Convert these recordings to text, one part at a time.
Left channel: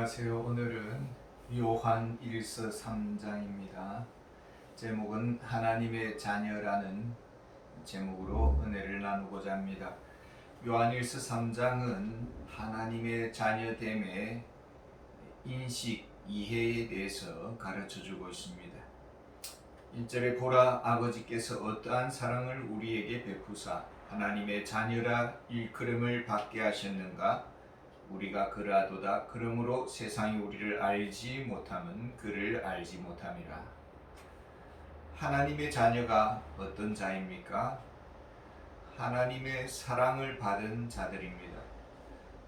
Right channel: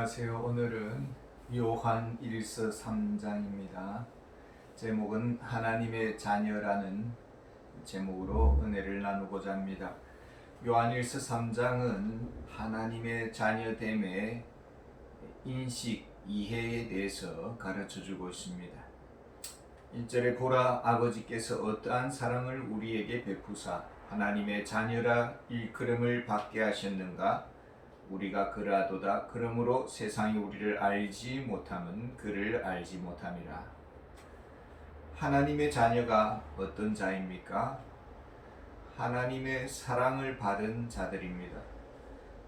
안녕하세요. 오늘은 요한 1서 3장입니다. 제목은 하나님의 자녀라는 제목으로 은혜를 나누고자 합니다. 요한 1서 3장은 하나님의 자녀됨의 인식, 이해에 대해서 가르쳐주고 있습니다. 1절에 보라, 아버지께서 어떠한 사랑을 우리에게 베푸사 하나님의 자녀라 일컬음을 받게 하셨는가. 우리가 그러하도다. 그러므로 세상이 우리를 알지 못함은 그를 알지 못함이라. 하나님의 자녀가 어떤 자입니까? 하나님의 사랑을 받은 자들입니다.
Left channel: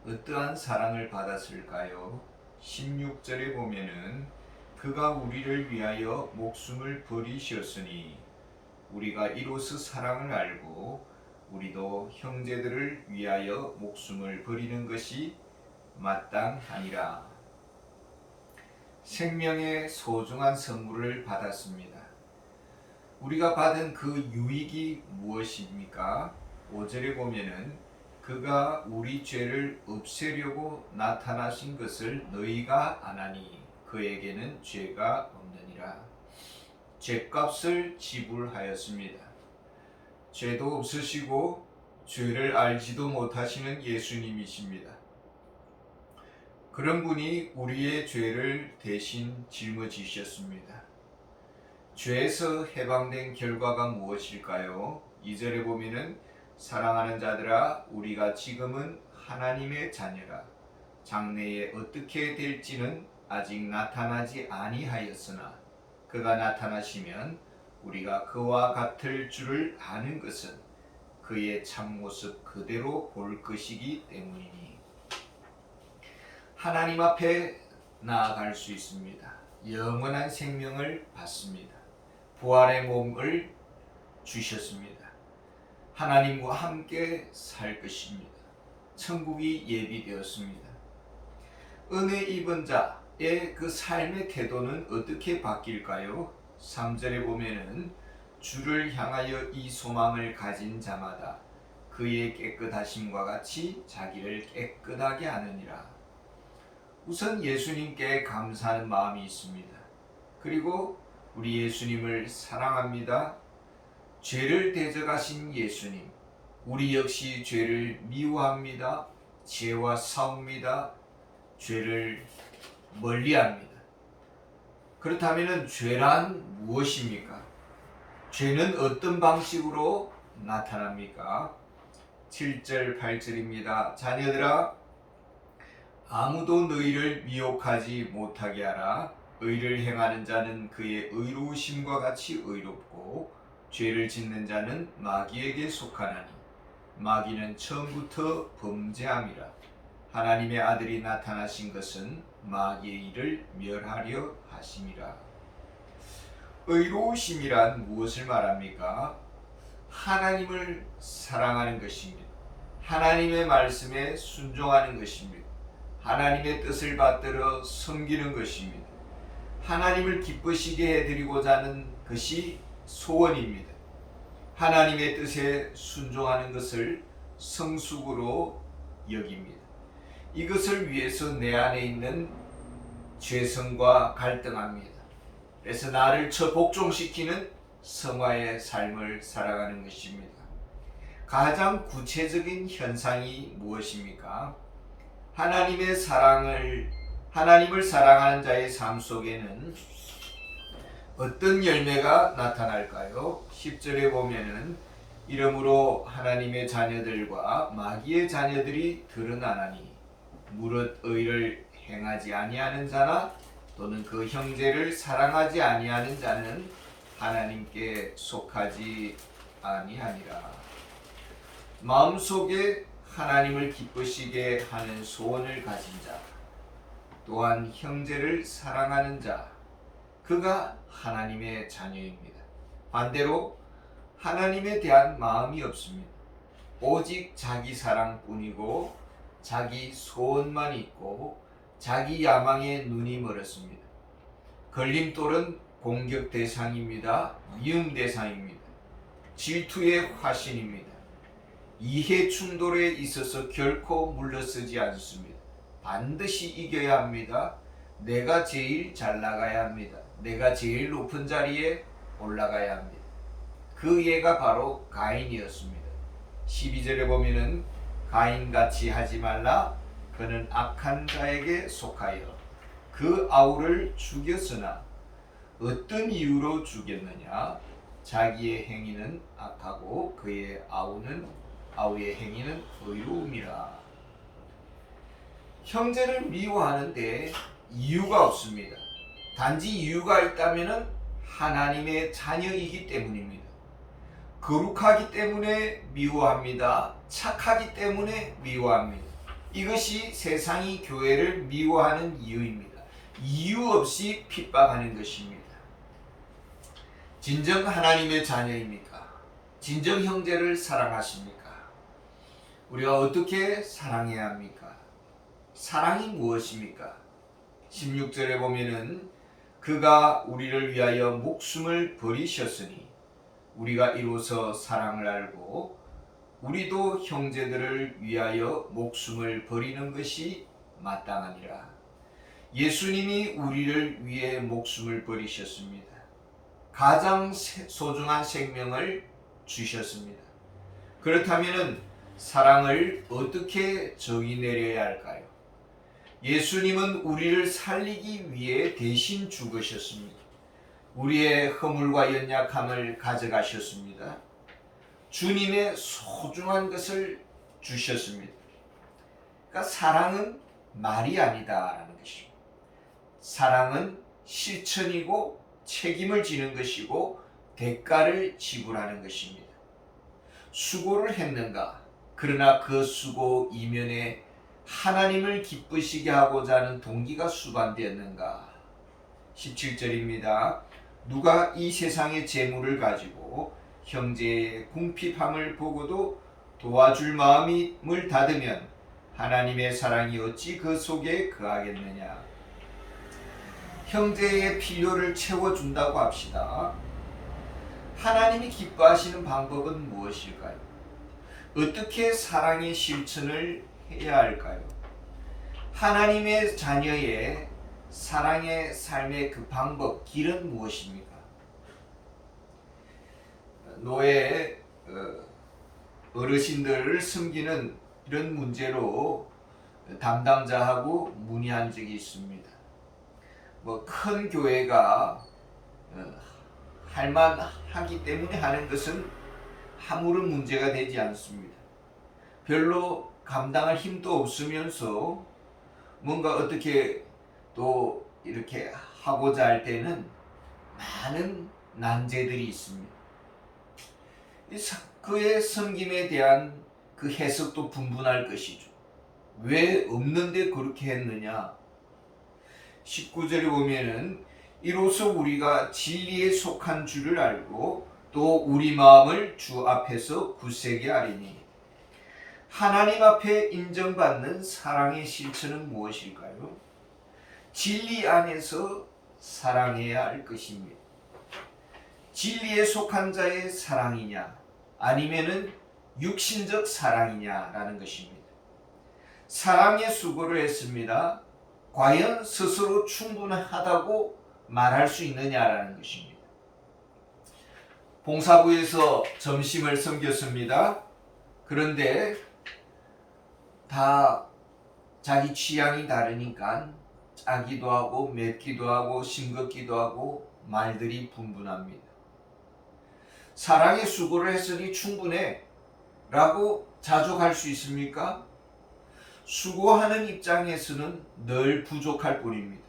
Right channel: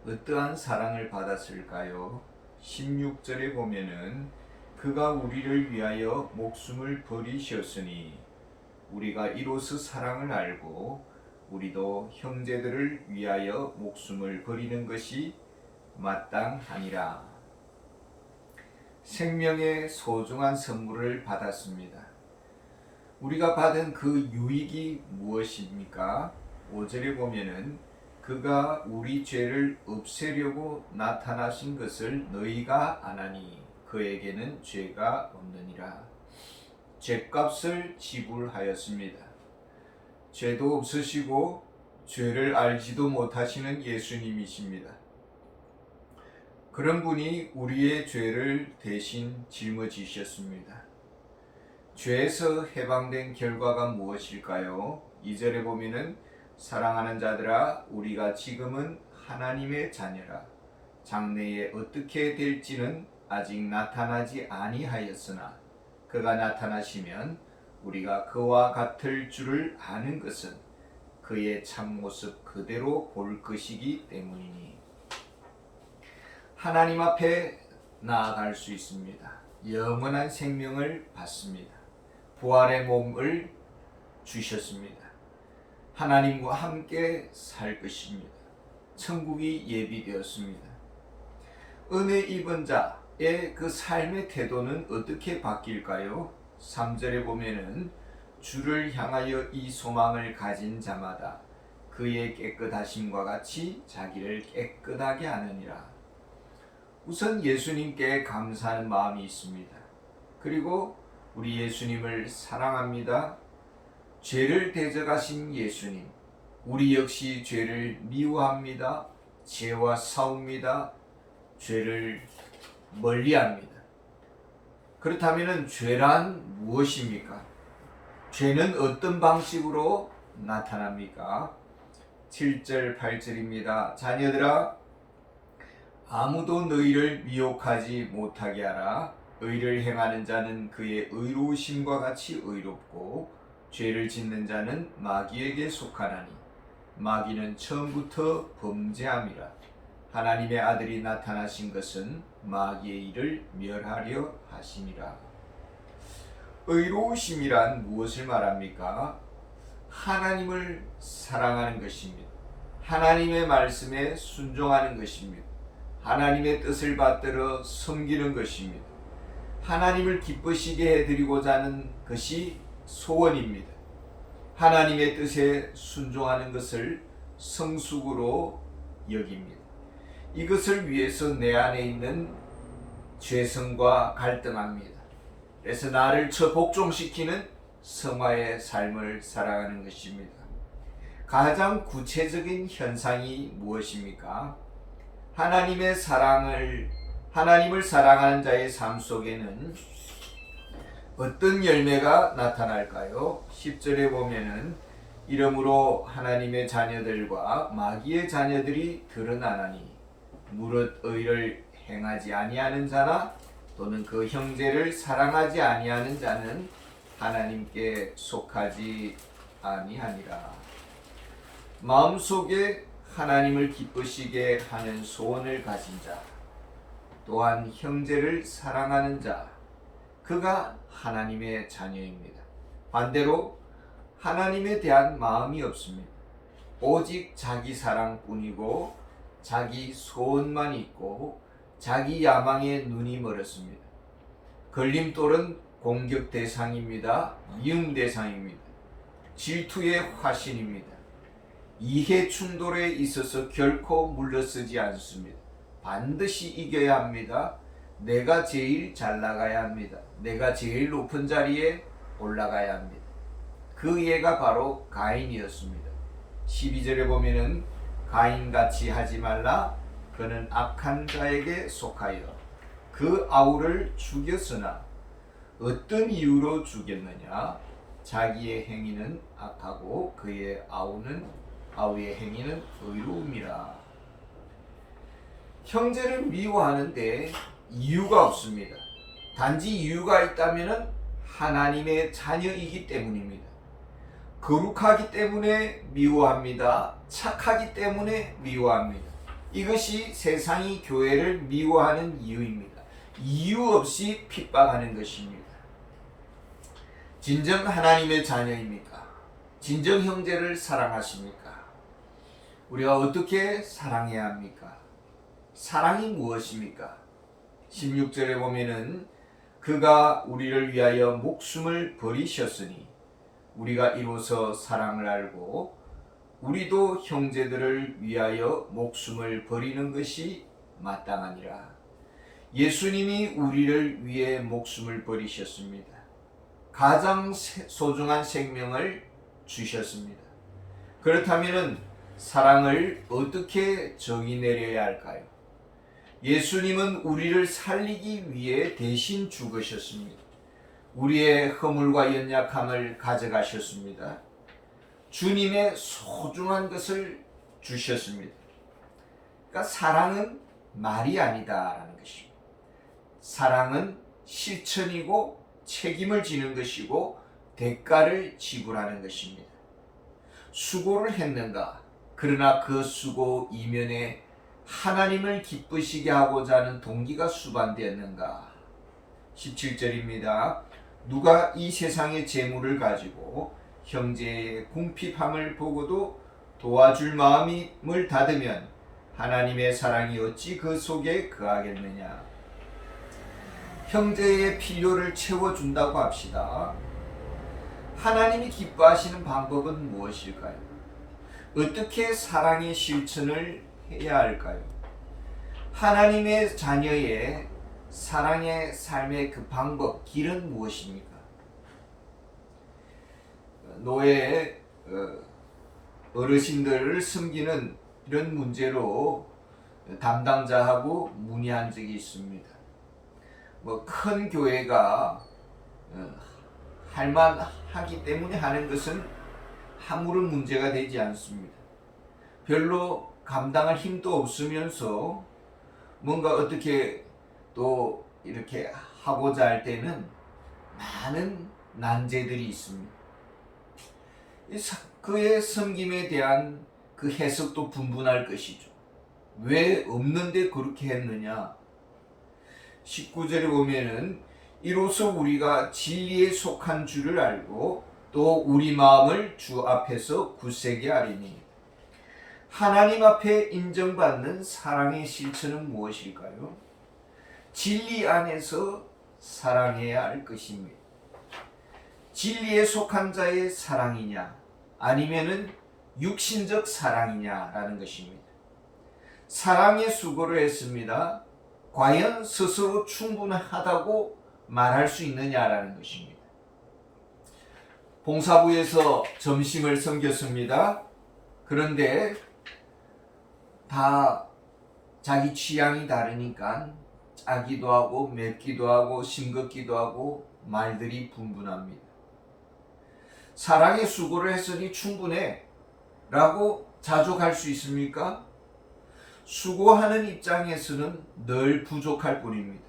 어떠한 사랑을 받았을까요? 16절에 보면은 그가 우리를 위하여 목숨을 버리셨으니 우리가 이로써 사랑을 알고 우리도 형제들을 위하여 목숨을 버리는 것이 마땅하니라. 생명의 소중한 선물을 받았습니다. 우리가 받은 그 유익이 무엇입니까? 5절에 보면은 그가 우리 죄를 없애려고 나타나신 것을 너희가 아나니 그에게는 죄가 없느니라. 죄값을 지불하였습니다. 죄도 없으시고 죄를 알지도 못하시는 예수님이십니다. 그런 분이 우리의 죄를 대신 짊어지셨습니다. 죄에서 해방된 결과가 무엇일까요? 2절에 보면은 사랑하는 자들아, 우리가 지금은 하나님의 자녀라. 장래에 어떻게 될지는 아직 나타나지 아니하였으나 그가 나타나시면 우리가 그와 같을 줄을 아는 것은 그의 참모습 그대로 볼 것이기 때문이니 하나님 앞에 나아갈 수 있습니다. 영원한 생명을 받습니다. 부활의 몸을 주셨습니다. 하나님과 함께 살 것입니다. 천국이 예비되었습니다. 은혜 입은 자의 그 삶의 태도는 어떻게 바뀔까요? 3절에 보면은 주를 향하여 이 소망을 가진 자마다 그의 깨끗하심과 같이 자기를 깨끗하게 하느니라. 우선 예수님께 감사하는 마음이 있습니다. 그리고 우리 예수님을 사랑합니다. 죄를 대적하신 예수님, 우리 역시 죄를 미워합니다. 죄와 싸웁니다. 죄를 멀리합니다. 그렇다면 죄란 무엇입니까? 죄는 어떤 방식으로 나타납니까? 7절, 8절입니다. 자녀들아, 아무도 너희를 미혹하지 못하게 하라. 의를 행하는 자는 그의 의로우심과 같이 의롭고 죄를 짓는 자는 마귀에게 속하나니 마귀는 처음부터 범죄함이라. 하나님의 아들이 나타나신 것은 마귀의 일을 멸하려 하심이라. 의로우심이란 무엇을 말합니까? 하나님을 사랑하는 것입니다. 하나님의 말씀에 순종하는 것입니다. 하나님의 뜻을 받들어 섬기는 것입니다. 하나님을 기쁘시게 해드리고자 하는 것이 소원입니다. 하나님의 뜻에 순종하는 것을 성숙으로 여깁니다. 이것을 위해서 내 안에 있는 죄성과 갈등합니다. 그래서 나를 복종시키는 성화의 삶을 살아가는 것입니다. 가장 구체적인 현상이 무엇입니까? 하나님을 사랑하는 자의 삶 속에는 어떤 열매가 나타날까요? 10절에 보면은 이러므로 하나님의 자녀들과 마귀의 자녀들이 드러나나니 무릇 의를 행하지 아니하는 자나 또는 그 형제를 사랑하지 아니하는 자는 하나님께 속하지 아니하니라. 마음속에 하나님을 기쁘시게 하는 소원을 가진 자, 또한 형제를 사랑하는 자, 그가 하나님의 자녀입니다. 반대로 하나님에 대한 마음이 없습니다. 오직 자기 사랑뿐이고 자기 소원만 있고 자기 야망에 눈이 멀었습니다. 걸림돌은 공격 대상입니다. 미움 대상입니다. 질투의 화신입니다. 이해 충돌에 있어서 결코 물러서지 않습니다. 반드시 이겨야 합니다. 내가 제일 잘 나가야 합니다. 내가 제일 높은 자리에 올라가야 합니다. 그 예가 바로 가인이었습니다. 12절에 보면은 가인같이 하지 말라. 그는 악한 자에게 속하여 그 아우를 죽였으나 어떤 이유로 죽였느냐? 자기의 행위는 악하고 그의 아우의 행위는 의로움이라. 형제를 미워하는데 이유가 없습니다. 단지 이유가 있다면은 하나님의 자녀이기 때문입니다. 거룩하기 때문에 미워합니다. 착하기 때문에 미워합니다. 이것이 세상이 교회를 미워하는 이유입니다. 이유 없이 핍박하는 것입니다. 진정 하나님의 자녀입니까? 진정 형제를 사랑하십니까? 우리가 어떻게 사랑해야 합니까? 사랑이 무엇입니까? 16절에 보면은 그가 우리를 위하여 목숨을 버리셨으니 우리가 이로써 사랑을 알고 우리도 형제들을 위하여 목숨을 버리는 것이 마땅하니라. 예수님이 우리를 위해 목숨을 버리셨습니다. 가장 소중한 생명을 주셨습니다. 그렇다면 사랑을 어떻게 정의 내려야 할까요? 예수님은 우리를 살리기 위해 대신 죽으셨습니다. 우리의 허물과 연약함을 가져가셨습니다. 주님의 소중한 것을 주셨습니다. 그러니까 사랑은 말이 아니다라는 것입니다. 사랑은 실천이고 책임을 지는 것이고 대가를 지불하는 것입니다. 수고를 했는가? 그러나 그 수고 이면에 하나님을 기쁘시게 하고자 하는 동기가 수반되었는가? 17절입니다. 누가 이 세상의 재물을 가지고 형제의 궁핍함을 보고도 도와줄 마음을 닫으면 하나님의 사랑이 어찌 그 속에 거하겠느냐? 형제의 필요를 채워준다고 합시다. 하나님이 기뻐하시는 방법은 무엇일까요? 어떻게 사랑의 실천을 해야 할까요? 하나님의 자녀의 사랑의 삶의 그 방법, 길은 무엇입니까? 노예 어르신들을 섬기는 이런 문제로 담당자하고 문의한 적이 있습니다. 큰 교회가 할만하기 때문에 하는 것은 아무런 문제가 되지 않습니다. 별로 감당할 힘도 없으면서 뭔가 어떻게 또 이렇게 하고자 할 때는 많은 난제들이 있습니다. 그의 섬김에 대한 그 해석도 분분할 것이죠. 왜 없는데 그렇게 했느냐? 19절에 보면은 이로써 우리가 진리에 속한 줄을 알고 또 우리 마음을 주 앞에서 굳세게 하리니. 하나님 앞에 인정받는 사랑의 실천은 무엇일까요? 진리 안에서 사랑해야 할 것입니다. 진리에 속한 자의 사랑이냐 아니면은 육신적 사랑이냐라는 것입니다. 사랑의 수고를 했습니다. 과연 스스로 충분하다고 말할 수 있느냐라는 것입니다. 봉사부에서 점심을 섬겼습니다. 그런데 다 자기 취향이 다르니까 짜기도 하고 맵기도 하고 싱겁기도 하고 말들이 분분합니다. 사랑의 수고를 했으니 충분해 라고 자족할 수 있습니까? 수고하는 입장에서는 늘 부족할 뿐입니다.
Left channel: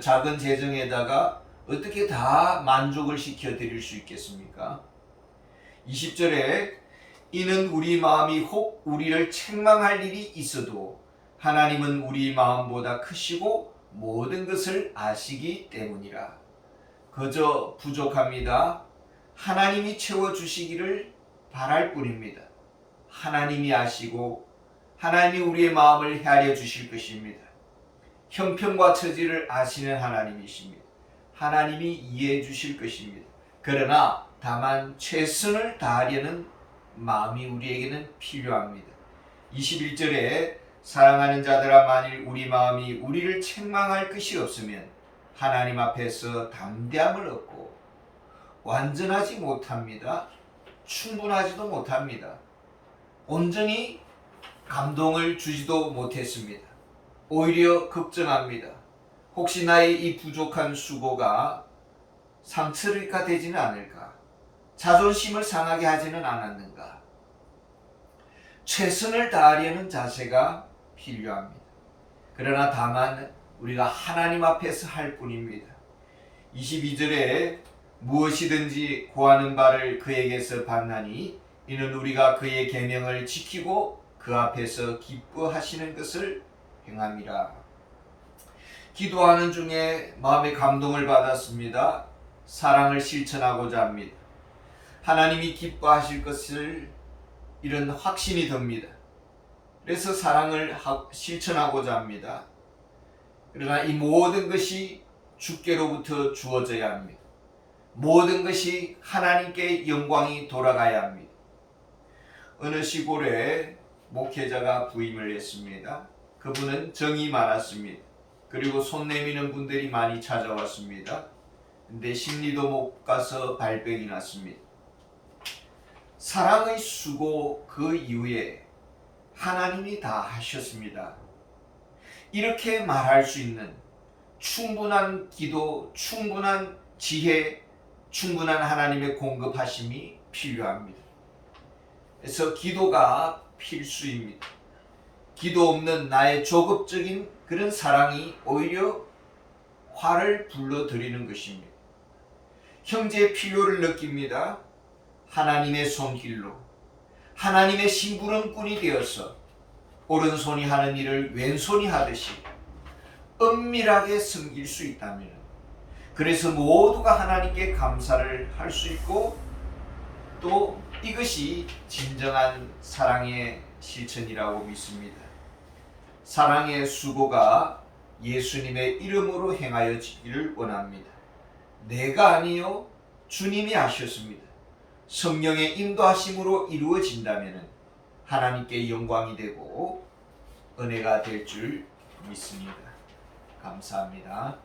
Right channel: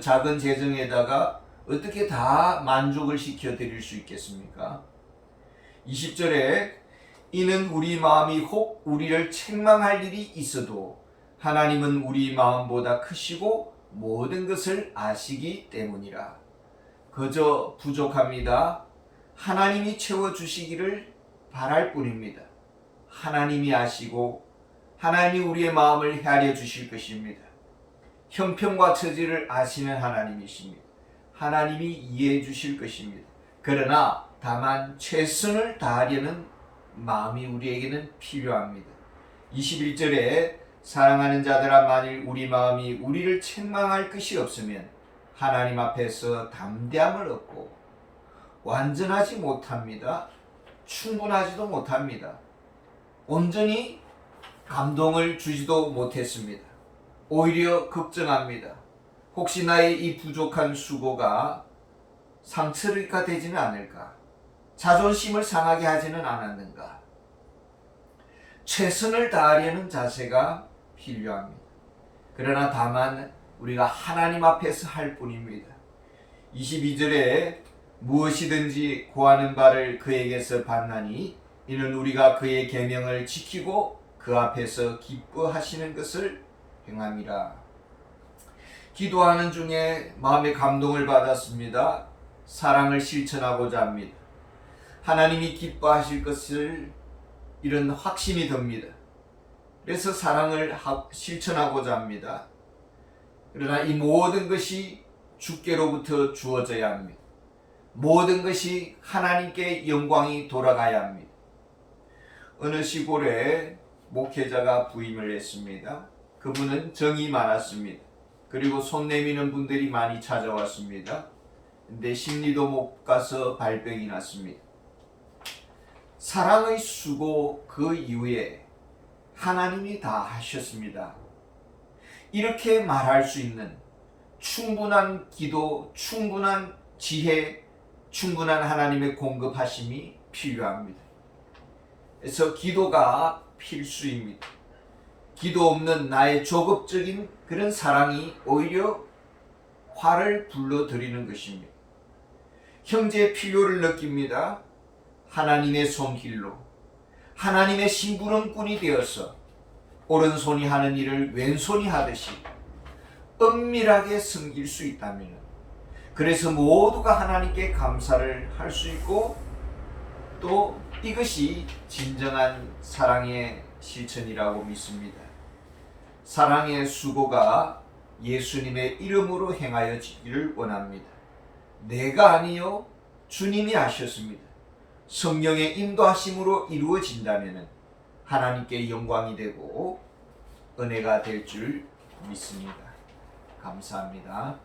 작은 재정에다가 어떻게 다 만족을 시켜드릴 수 있겠습니까? 20절에 이는 우리 마음이 혹 우리를 책망할 일이 있어도 하나님은 우리 마음보다 크시고 모든 것을 아시기 때문이라. 그저 부족합니다. 하나님이 채워주시기를 바랄 뿐입니다. 하나님이 아시고 하나님이 우리의 마음을 헤아려 주실 것입니다. 형편과 처지를 아시는 하나님이십니다. 하나님이 이해해 주실 것입니다. 그러나 다만 최선을 다하려는 마음이 우리에게는 필요합니다. 21절에 사랑하는 자들아, 만일 우리 마음이 우리를 책망할 것이 없으면 하나님 앞에서 담대함을 얻고 완전하지 못합니다. 충분하지도 못합니다. 온전히 감동을 주지도 못했습니다. 오히려 걱정합니다. 혹시 나의 이 부족한 수고가 상처가 되지는 않을까? 자존심을 상하게 하지는 않았는가? 최선을 다하려는 자세가 필요합니다. 그러나 다만 우리가 하나님 앞에서 할 뿐입니다. 22절에 무엇이든지 구하는 바를 그에게서 받나니 이는 우리가 그의 계명을 지키고 그 앞에서 기뻐하시는 것을 행함이라. 기도하는 중에 마음의 감동을 받았습니다. 사랑을 실천하고자 합니다. 하나님이 기뻐하실 것을 이런 확신이 듭니다. 그래서 사랑을 실천하고자 합니다. 그러나 이 모든 것이 주께로부터 주어져야 합니다. 모든 것이 하나님께 영광이 돌아가야 합니다. 어느 시골에 목회자가 부임을 했습니다. 그분은 정이 많았습니다. 그리고 손 내미는 분들이 많이 찾아왔습니다. 근데 심리도 못 가서 발병이 났습니다. 사랑의 수고 그 이후에 하나님이 다 하셨습니다. 이렇게 말할 수 있는 충분한 기도, 충분한 지혜, 충분한 하나님의 공급하심이 필요합니다. 그래서 기도가 필수입니다. 기도 없는 나의 조급적인 그런 사랑이 오히려 화를 불러들이는 것입니다. 형제의 필요를 느낍니다. 하나님의 손길로 하나님의 심부름꾼이 되어서 오른손이 하는 일을 왼손이 하듯이 은밀하게 섬길 수 있다면, 그래서 모두가 하나님께 감사를 할 수 있고 또 이것이 진정한 사랑의 실천이라고 믿습니다. 사랑의 수고가 예수님의 이름으로 행하여지기를 원합니다. 내가 아니요 주님이 하셨습니다. 성령의 인도하심으로 이루어진다면 하나님께 영광이 되고 은혜가 될 줄 믿습니다. 감사합니다.